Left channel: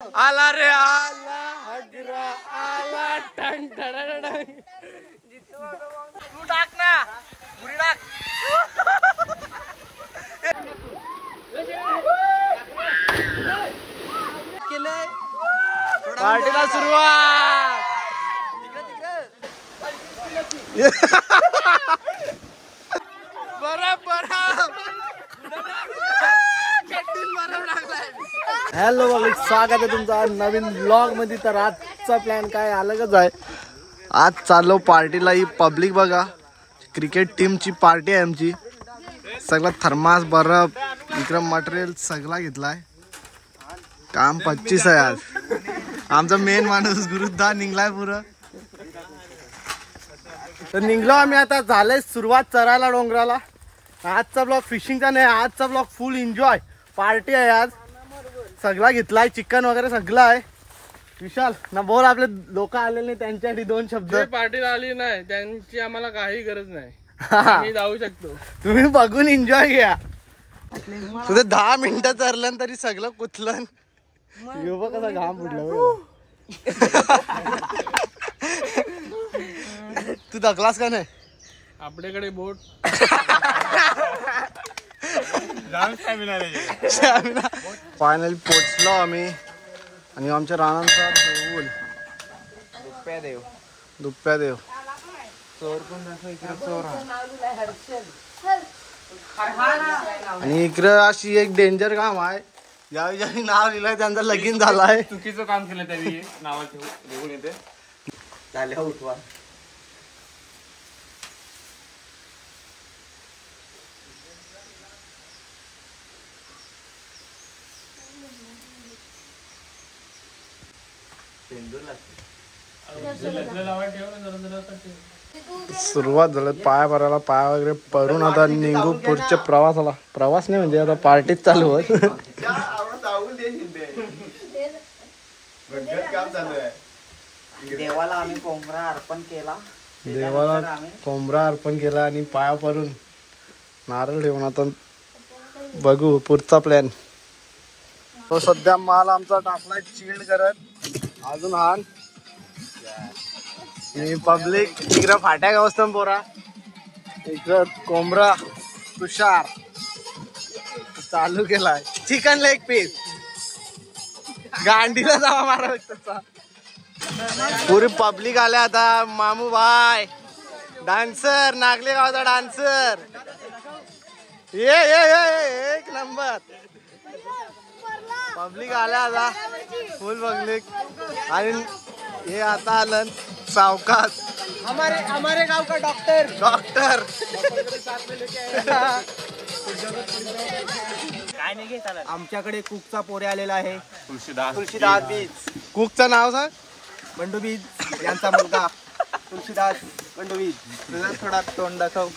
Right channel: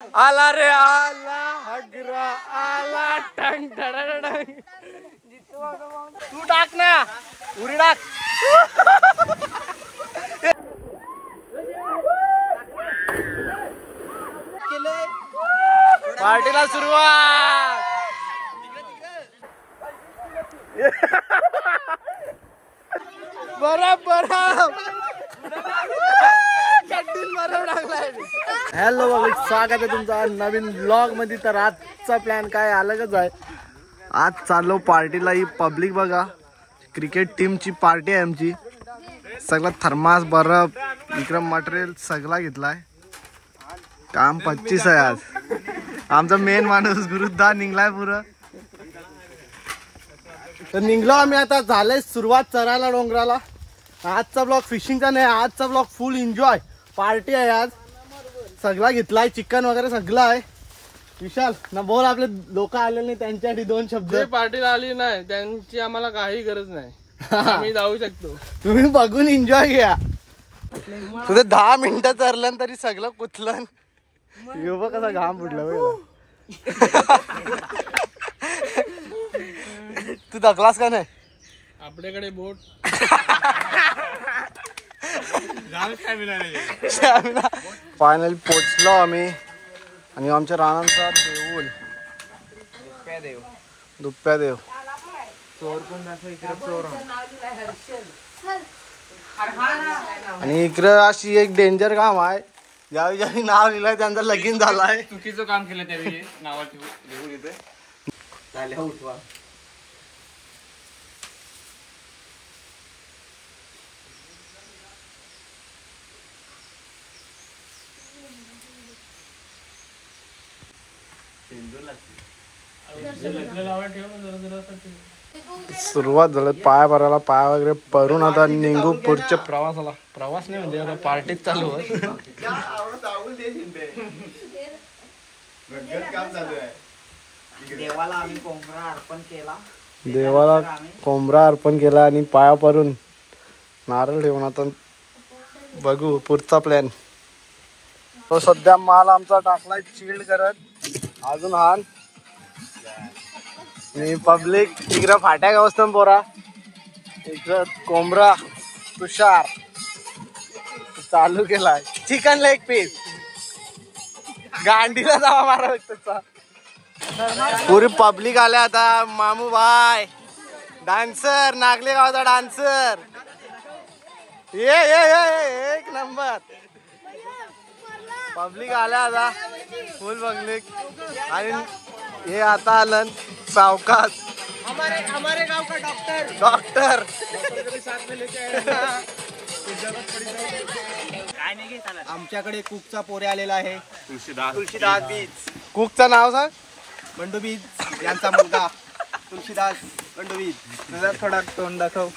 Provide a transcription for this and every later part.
आला रे आला हगरा आला टंग टंग तू टाक ना उरी टाक पार्टीला सुरुवात बरफ हॅलो बघ स्वागत आहे तुमचं नवीन ब्लॉग मध्ये। तर आजचा प्लॅन काय अलगच आहे। आज चाललो पार्टीला। ही पब्लिक बघा, क्रिकेट टीमची पार्टी आहे आमची। सगळं थर्मास बर्फ इकडं मटेरियल सगळा घेतलाय। काम 25 आहे आज। आमचा मेन माणूस गुरुद्दा निघलाय पुरं। तर निघलो आम्ही आता। झालंय सुरुवात चरायला डोंगराला। आजचा ब्लॉग फिशिंगचा नाही, आजचा ब्लॉग फुल एन्जॉय पार्टी आहे आज। सगळा घेतलाय, चिकन वगैरे सगळं आहे। विशाल ना बोल, आपले लोक आलेले नाही त्यांच्यासाठी दोन शब्द। पार्टीला आली नाही त्यांची आम्हाला काही गरज नाही, आम्ही जाऊ शकतो। तुम्ही बघून एन्जॉय घ्या। तुझे 10 मिनिटं चरलं तरी सगळं कुतलं। बघ कसा घाम फुटला। तू दखलास का नाही? आपल्याकडे बोट फायनली पोचलो आम्ही। आणि आमच्या रानांचा देऊळ दुप्प्या देव। आणि इकडं अशी एक डेंजर काम आहे। ज्यावेळी ज्यावेळी नाव लिहिलंय त्यांचा लगीन झालाय। चुकीचं काम केलं त्यावेळी नाव लिहून येते। सुरुवात झालं पाया भरायला। पाया वगैरे परून आता निघू पुढच्या प्रवासाला। प्रवास नाही म्हणजे आता पार्टीत चालू होत। देवाला आम्ही कोंबडा अर्पण केला आणि पाया परून नारळ ठेवून आता बघू पुढचा प्लॅन। तो सध्या माल आमचा टाकलाय चिल्ड करत। अजून हान मी पब्लिक तिकडं फाट्या गावस्तं पोरा, इकडं कोंबडा तुषार चालू केलाय। चिकन लेग पीस गांडीला जावा मारा तसा। पुरी पब्लिक आल्या आता। मामू भाई डान्सर, नागले गावचा डान्सर। ये एक नंबर पब्लिक आल्या आता फुल पब्लिक। आणि हे आता आलं सावकाश हमारे गाव का डॉक्टर आमच्याकडे कुकचा पोरे आलेला आहे। तुळशीदास बीज। कुकचं नाव सांग? बंडू बीज यांचा मुलगा तुळशीदास बंडू बीज। तुझा थोडा तोंड दाखव।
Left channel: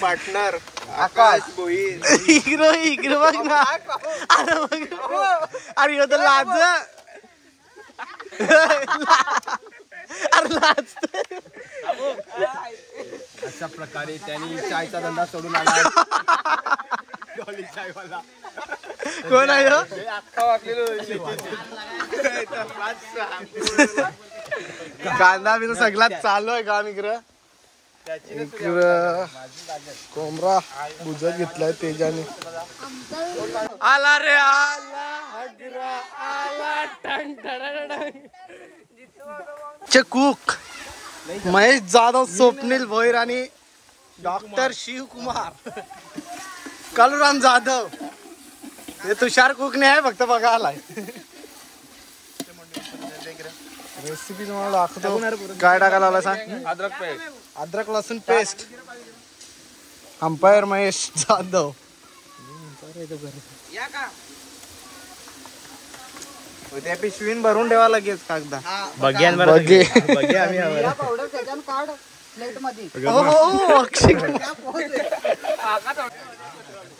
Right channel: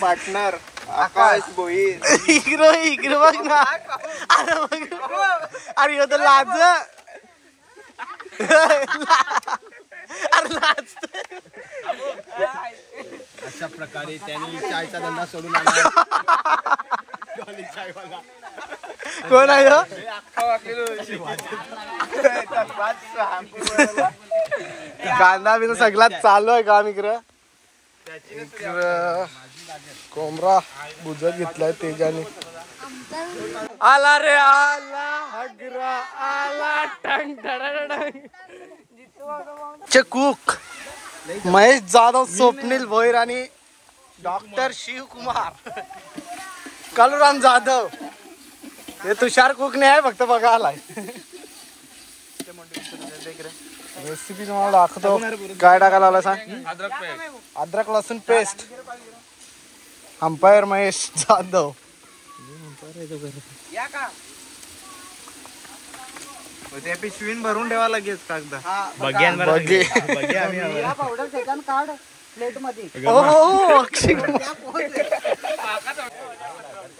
पार्टनर आकाश भोईर। इकडे बघ ना। अरे यो तर लाज। अशा प्रकारे त्यांनी चायचा धंदा सोडून आला। कोण आहे हो? कांदा बिना सगळा चालू आहे काम इकडं। कोंबडा बुजत घेतलाय तेजाने। आला रे आला हगरा आला टंग टंग। कुक महेश जाधव, स्वप्नील भोईर आणि डॉक्टर शिवकुमार कलराम जाधव। हे तुषार कुक नाही आहे, फक्त बघा आलाय। रेसिपी तुम्हाला दाखवतो। काय टाकायला आला सांग? अद्रक लसूण पेस्ट। अंपायर महेश जाधव। त्या पिशवीन भरून ठेवा लगेच कागदा। बघे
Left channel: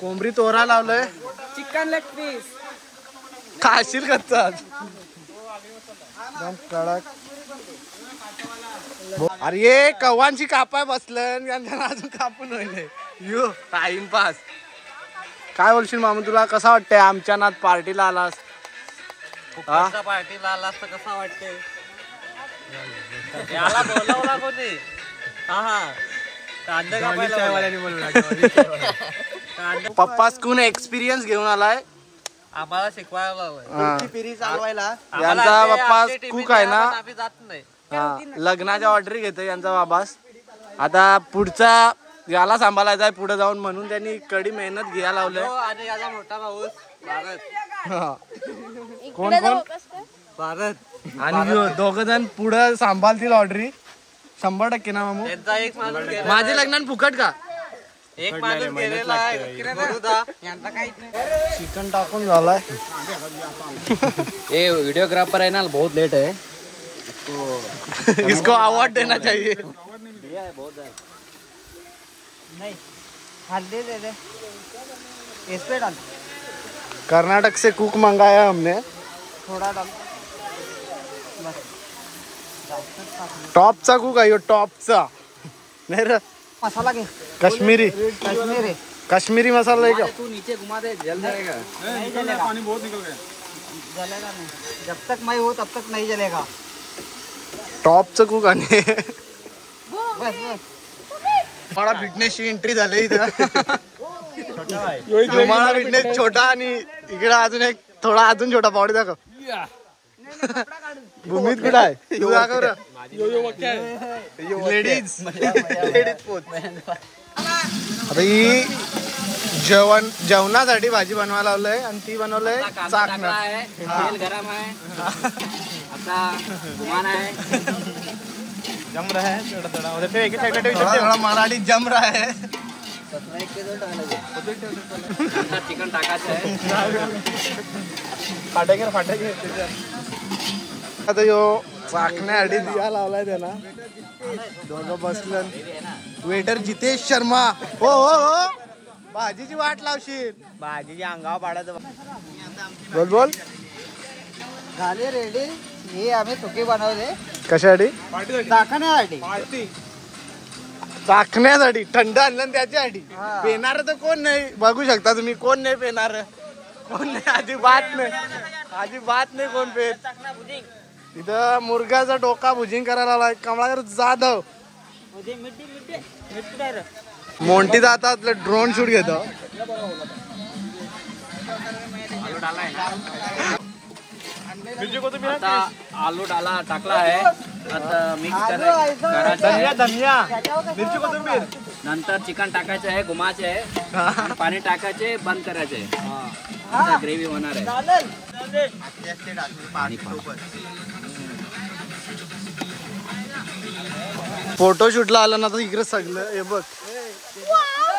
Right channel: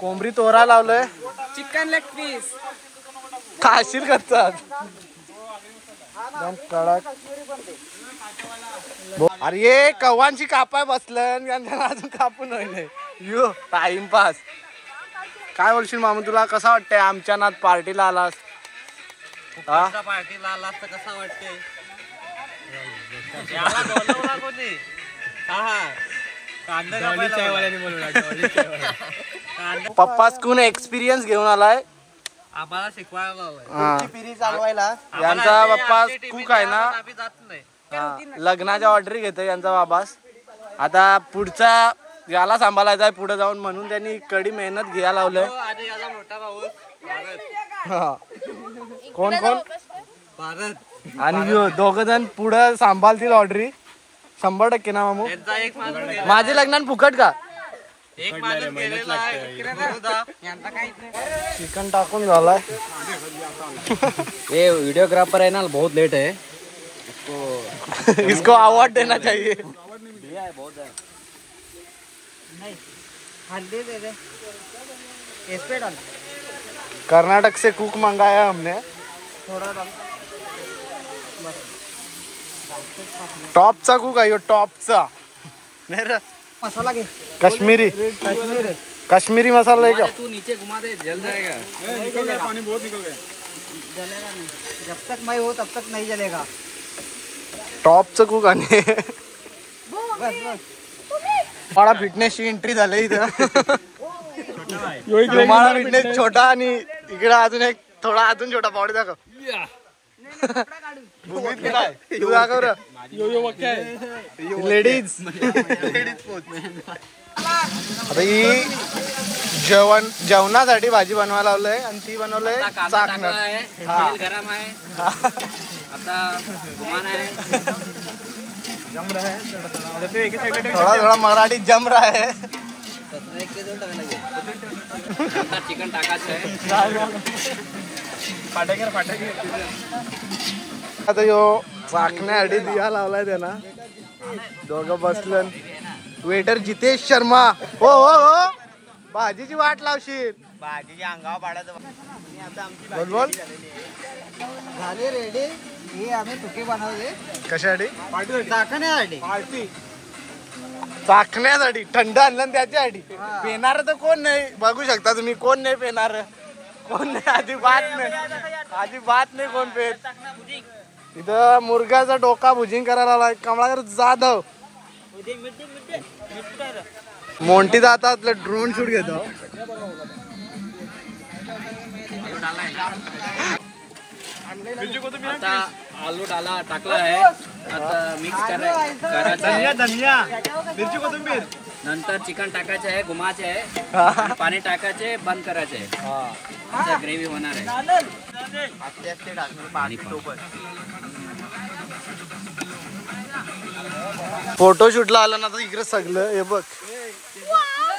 कोंबडी तोरा लावलंय। चिकन लेग पीस खाशील करतात एकदम कडक। अरे कव्वांची कापाय बसलं अजून कापून होईल। यो टाइमपास काय बोलशील मामू, तुला कसा वाटतंय आमच्या नात पार्टीला आलास? हा पार्टीला आलास तर कसा वाटतंय? पप्पा स्कून एक्सपिरियन्स घेऊन आलाय आम्हाला शिकवायला हा. पिरी चालवायला. यांचा बाप्पा कुक आहे ना, हा, लग्नाच्या ऑर्डर घेतोय यांचा बाबास. आता पुढचा याला सांभाळायचा आहे पुढे जाऊन, म्हणून त्यांनी कडी मेहनत घ्यायला लावलंय. आणि याचा मोठा भाऊ भारत. हा. कोण कोण? भारत आणि दोघ जण पुढे सांभाळतील ऑर्डरी 100% ना मामू. यांचा एक माणूस माझे लग्नात फुकट का? एक माणूस गेलेला आहे. यांचा काही चिकन टाकून झालाय. ये वीडियोग्राफर है ना, बहुत लेट है. इसको अवार्ड देना चाहिए. कर्नाटक से कुक मंगाया हमने. टॉपचा कुक आहे टॉपचा. नाही रे, मसाला घे. काश्मीरी काश्मीरी मसाला आहे का? तू नीचे घुमा दे, जल जाएगा. नहीं जलेगा. जब तक मैं हो तब तक नहीं जलेगा. टॉपचं कुक आणि मला फिटनेसची एंट्री झाली इथं. तुम्हाला फिटनेस छोटा आणि इकडे अजून एक थोडा अजून छोटा बॉडी दाखव. भूमीत कुठं आहे तू दाखव रे. लेडीज आता ही जेवणासाठी भाजी बनवायला लावलंय आणि ती बनवलंय चाकणं. तेल गरम है. आता घुमाना है. थोडा थोडा मराठी जम रहा है. चिकन टाकायचं आहे. आता यो चाकण्यासाठी दिया लावलाय त्याला. दोघं बसलं. वेटर जितेश शर्मा. हो हो हो, भाजीची वाट लावशील. भाजीच्या अंगावर पाडायचं. बोल बोल. झाले रेडी. हे आम्ही तुकी बनवले कशासाठी? दाखवण्यासाठी. चाकण्यासाठी. थंड आणलं ना त्याच्यासाठी. पेणार तर कोण नाही, बघू शकता तुम्ही. कोण नाही पेणार, कोण नाही, अजिबात नाही, अजिबात नाही कोण पेत. इथं मुर्गाचा डोका भुजिंग करायला आलाय कमलाकर जाधव. मोंटी जाता आपलं ड्रोन शूट घेतो. आता आलू टाकला आहे. आता मिक्स करायचं आहे. धनिया मिरची कोथिंबीर. नंतर चिकन टाकायचं आहे, घुमायचे आहे, पाणी टाकायचे, बंद करायचे आहे. आता ग्रेव्ही होणार आहे. फोटोशूटला आलं ना तर इकडे सगळं हे बघ.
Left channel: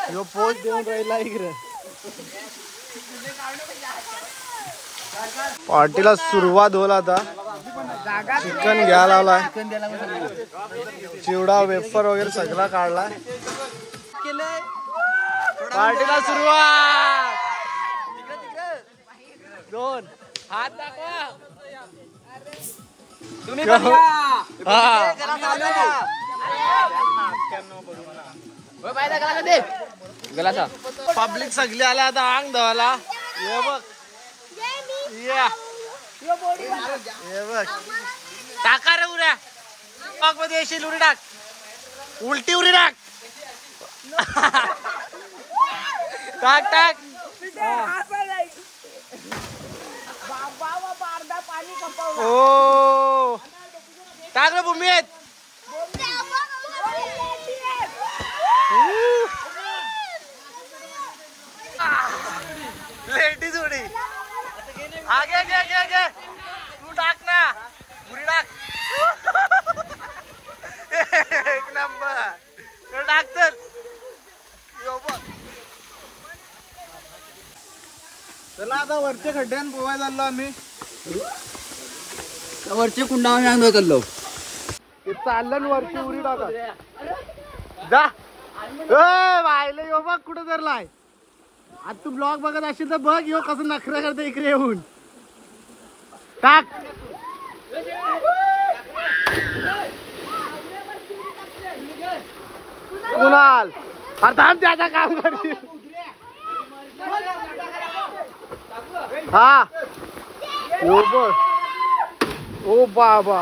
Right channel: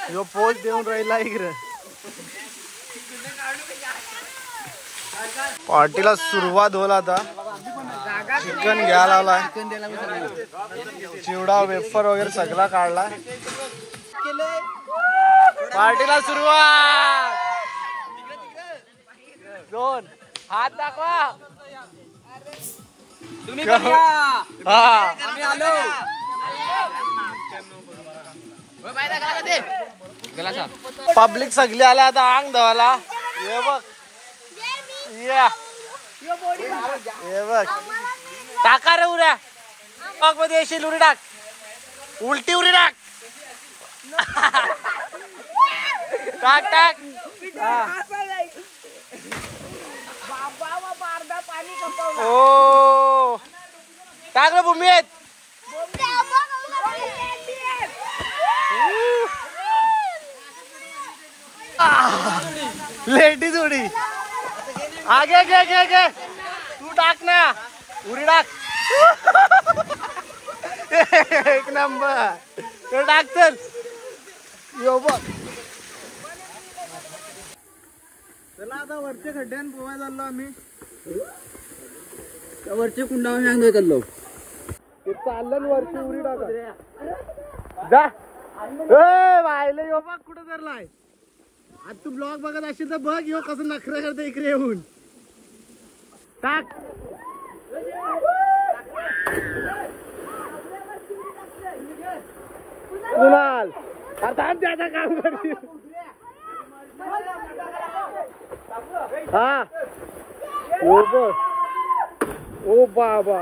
ह्यो पोस्ट देऊन राहिला इकडे. पार्टीला सुरुवात होईल आता. चिकन घ्यायला लावलाय. चिवडा वेफर वगैरे सगळा काढलाय. पार्टीला सुरुवात. दोन हात दाखवा. तुम्ही हा पब्लिक सगळी आल्या आता अंग धवाला. हे बघ, हे बघ. टाका रे उड्या. मग मध्ये येशील उडी टाक. उलटी उडी टाक. टाक टाक. ओ टाक रे भूमीत. लेडीज उडी. आगे घे घे घे. तू टाक ना उडी टाक. एक नंबर. तो टाक चल. यो बघ. चला आता वरचे खड्ड्यान पोहाय चाललो आम्ही. वरचे कुंडा सांगतो लोक. चाललं वरची उडी टाका. जा. ए बायले यो बघ कुठं धरलाय. आज तू ब्लॉग बघत असेल तर बघ यो कसं नखरा करते इकडे येऊन. टाक. कुणाल अरे थांब त्याचा काम करशील. हा यो बघ ओ बाबा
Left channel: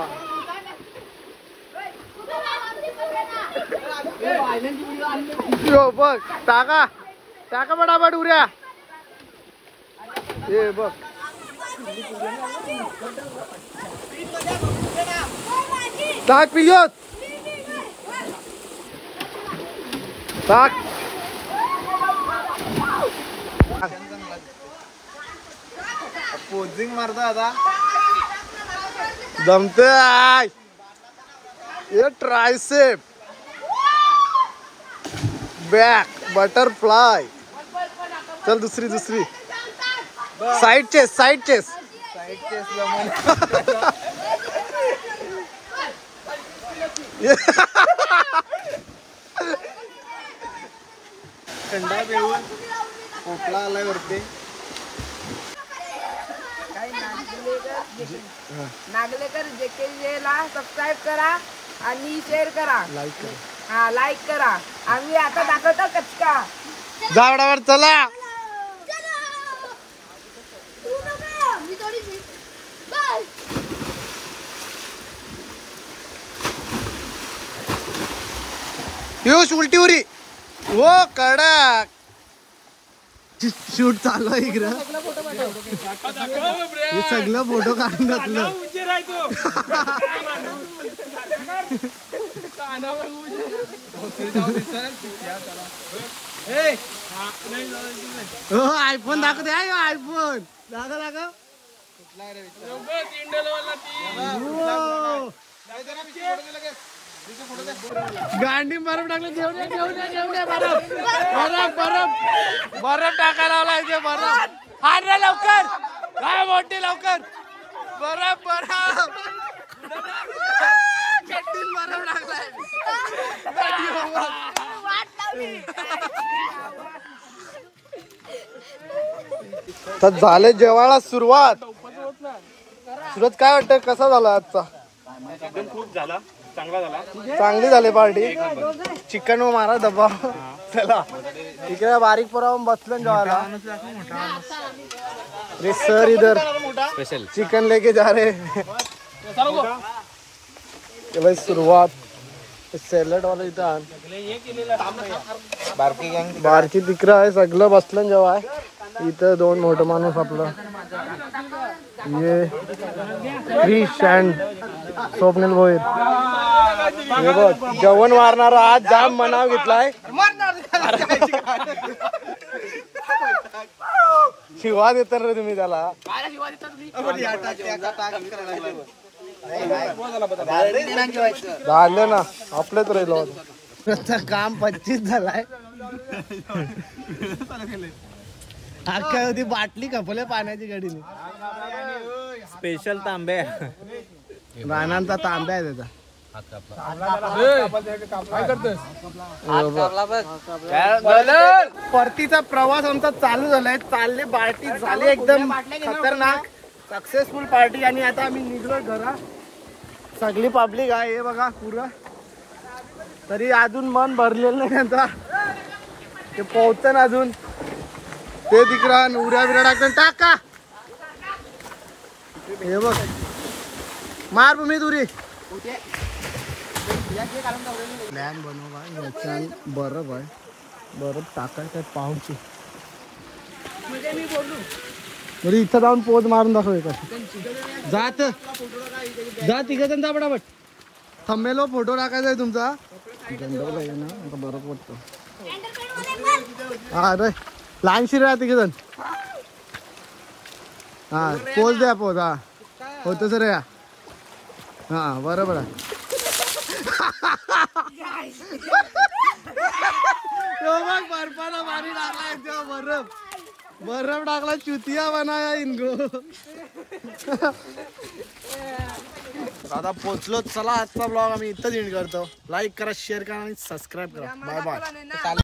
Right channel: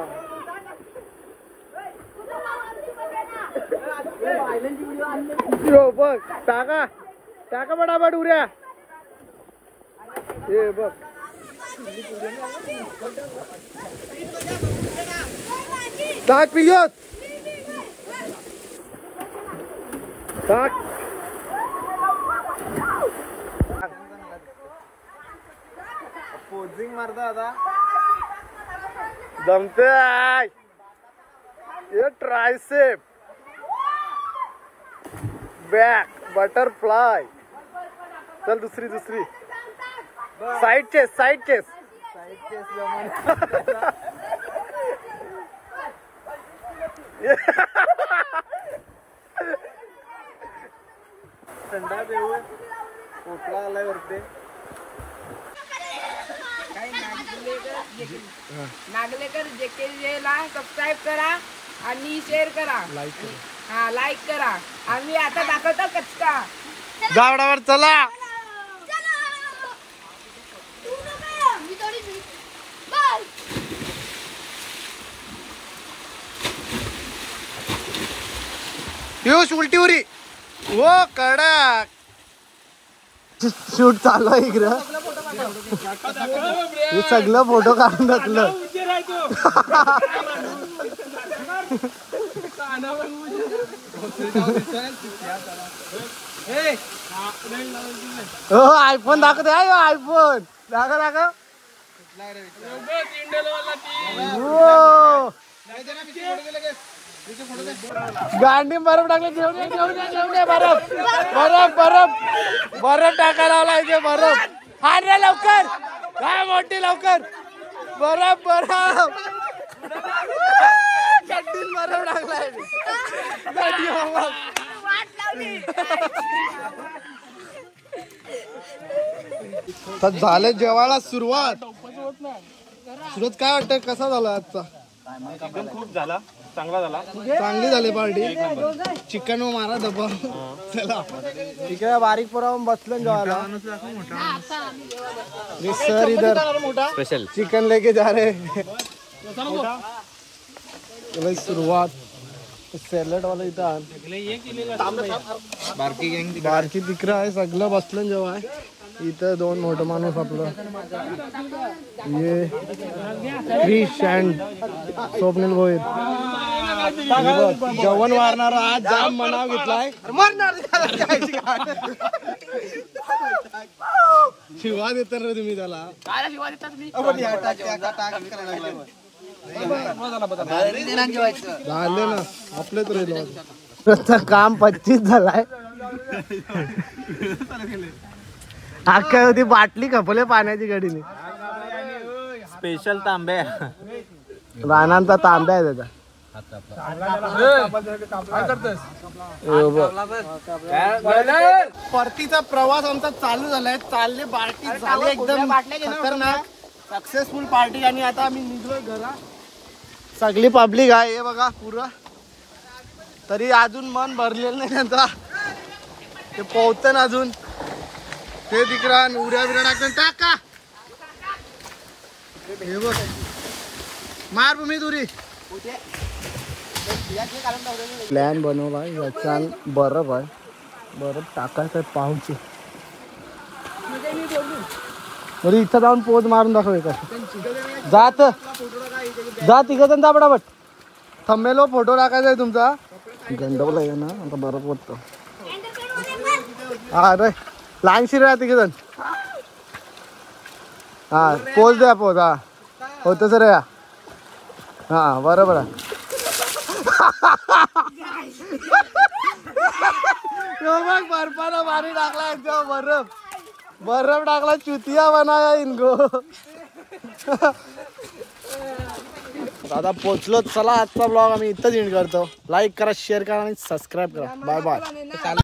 यो बघ टाका टाका पटापट उऱ्या हे बघ टाक पियोत टाक पोजिंग मारतो आता जमते ये ट्रायसेप बॅक बटरफ्लाय चल दुसरी साइड चेस थंडा पिऊन खोकला आलाय वरती नागलेकर JKJ ला सबस्क्राईब करा आणि शेअर करा लाईक कर हा लाईक करा आम्ही आता दाखवतो कचका जावडावर चला पियुष उलटी उरी हो कडक शूट चालू आहे इकडं हे सगळं फोटो काढून टाकलं हो आयफोन दाखव दे आयफोन दाखव गांडी बर्फ टाकलं घेऊन ये बर्फ टाकायला आला इथे बर्फ हार रे लवकर हा मोठी लवकर बर्फ चड्डीत बर्फ टाकलाय तर झाले जेवायला सुरुवात काय वाटतं कसा झाला आजचा खूप झाला चांगला झाला चांगली झाली पार्टी चिकन मारा डब्बा चला इकडे बारीक पोरावून बसलो जेवायला अरे सर इधर स्पेशल चिकन लेके जा रहे भाई सुरुवात सॅलड वाला इथं बारकी तिकडं आहे सगळं बसलं जेव्हा इथं दोन मोठं माणूस आपलं ये क्रिश अँड स्वप्नील भोईर जेवण मारणार आज जाम मनाव घेतलाय शिवा देता रे तुम्ही त्याला झालं ना आपलेच राहिलो काम 25 झालाय काय होती बाटली खपले पाण्याची गाडीने स्पेशल तांबे रानांचा तांब्या आहे त्याचा परतीचा प्रवास आमचा चालू झालाय चालली पार्टी झाली एकदम खतरनाक सक्सेसफुल पार्टी आणि आता आम्ही निघलो घरा सगळी पब्लिक आहे हे बघा पुरं तरी अजून मन भरलेलं नाही आता ते पोहतं ना अजून ते तिकडा उड्या बिड्या टाकून टाका हे बघ मार भूमी दुरी प्लॅन बनवला याच्या बर्फ आहे बर्फ टाकायचं पाऊस बरं इथं जाऊन पोज मारून दाखव का जात जा तिघ जण जा पटापट थंबेलो फोटो टाकायचा आहे तुमचा गंडवला आहे ना आता बर्फ वाटतो हा रे लहानशी रे तिघ जण हा पोज द्या पोज हा होत सर या हा बरोबर आहे बर्फानं पाणी टाकलाय बर्फ टाकला चुतिया बनाया इनको दादा पोचलो चला आजचा ब्लॉग आम्ही इथंच एंड करतो लाईक करा शेअर करा आणि सबस्क्राईब करा बाय बाय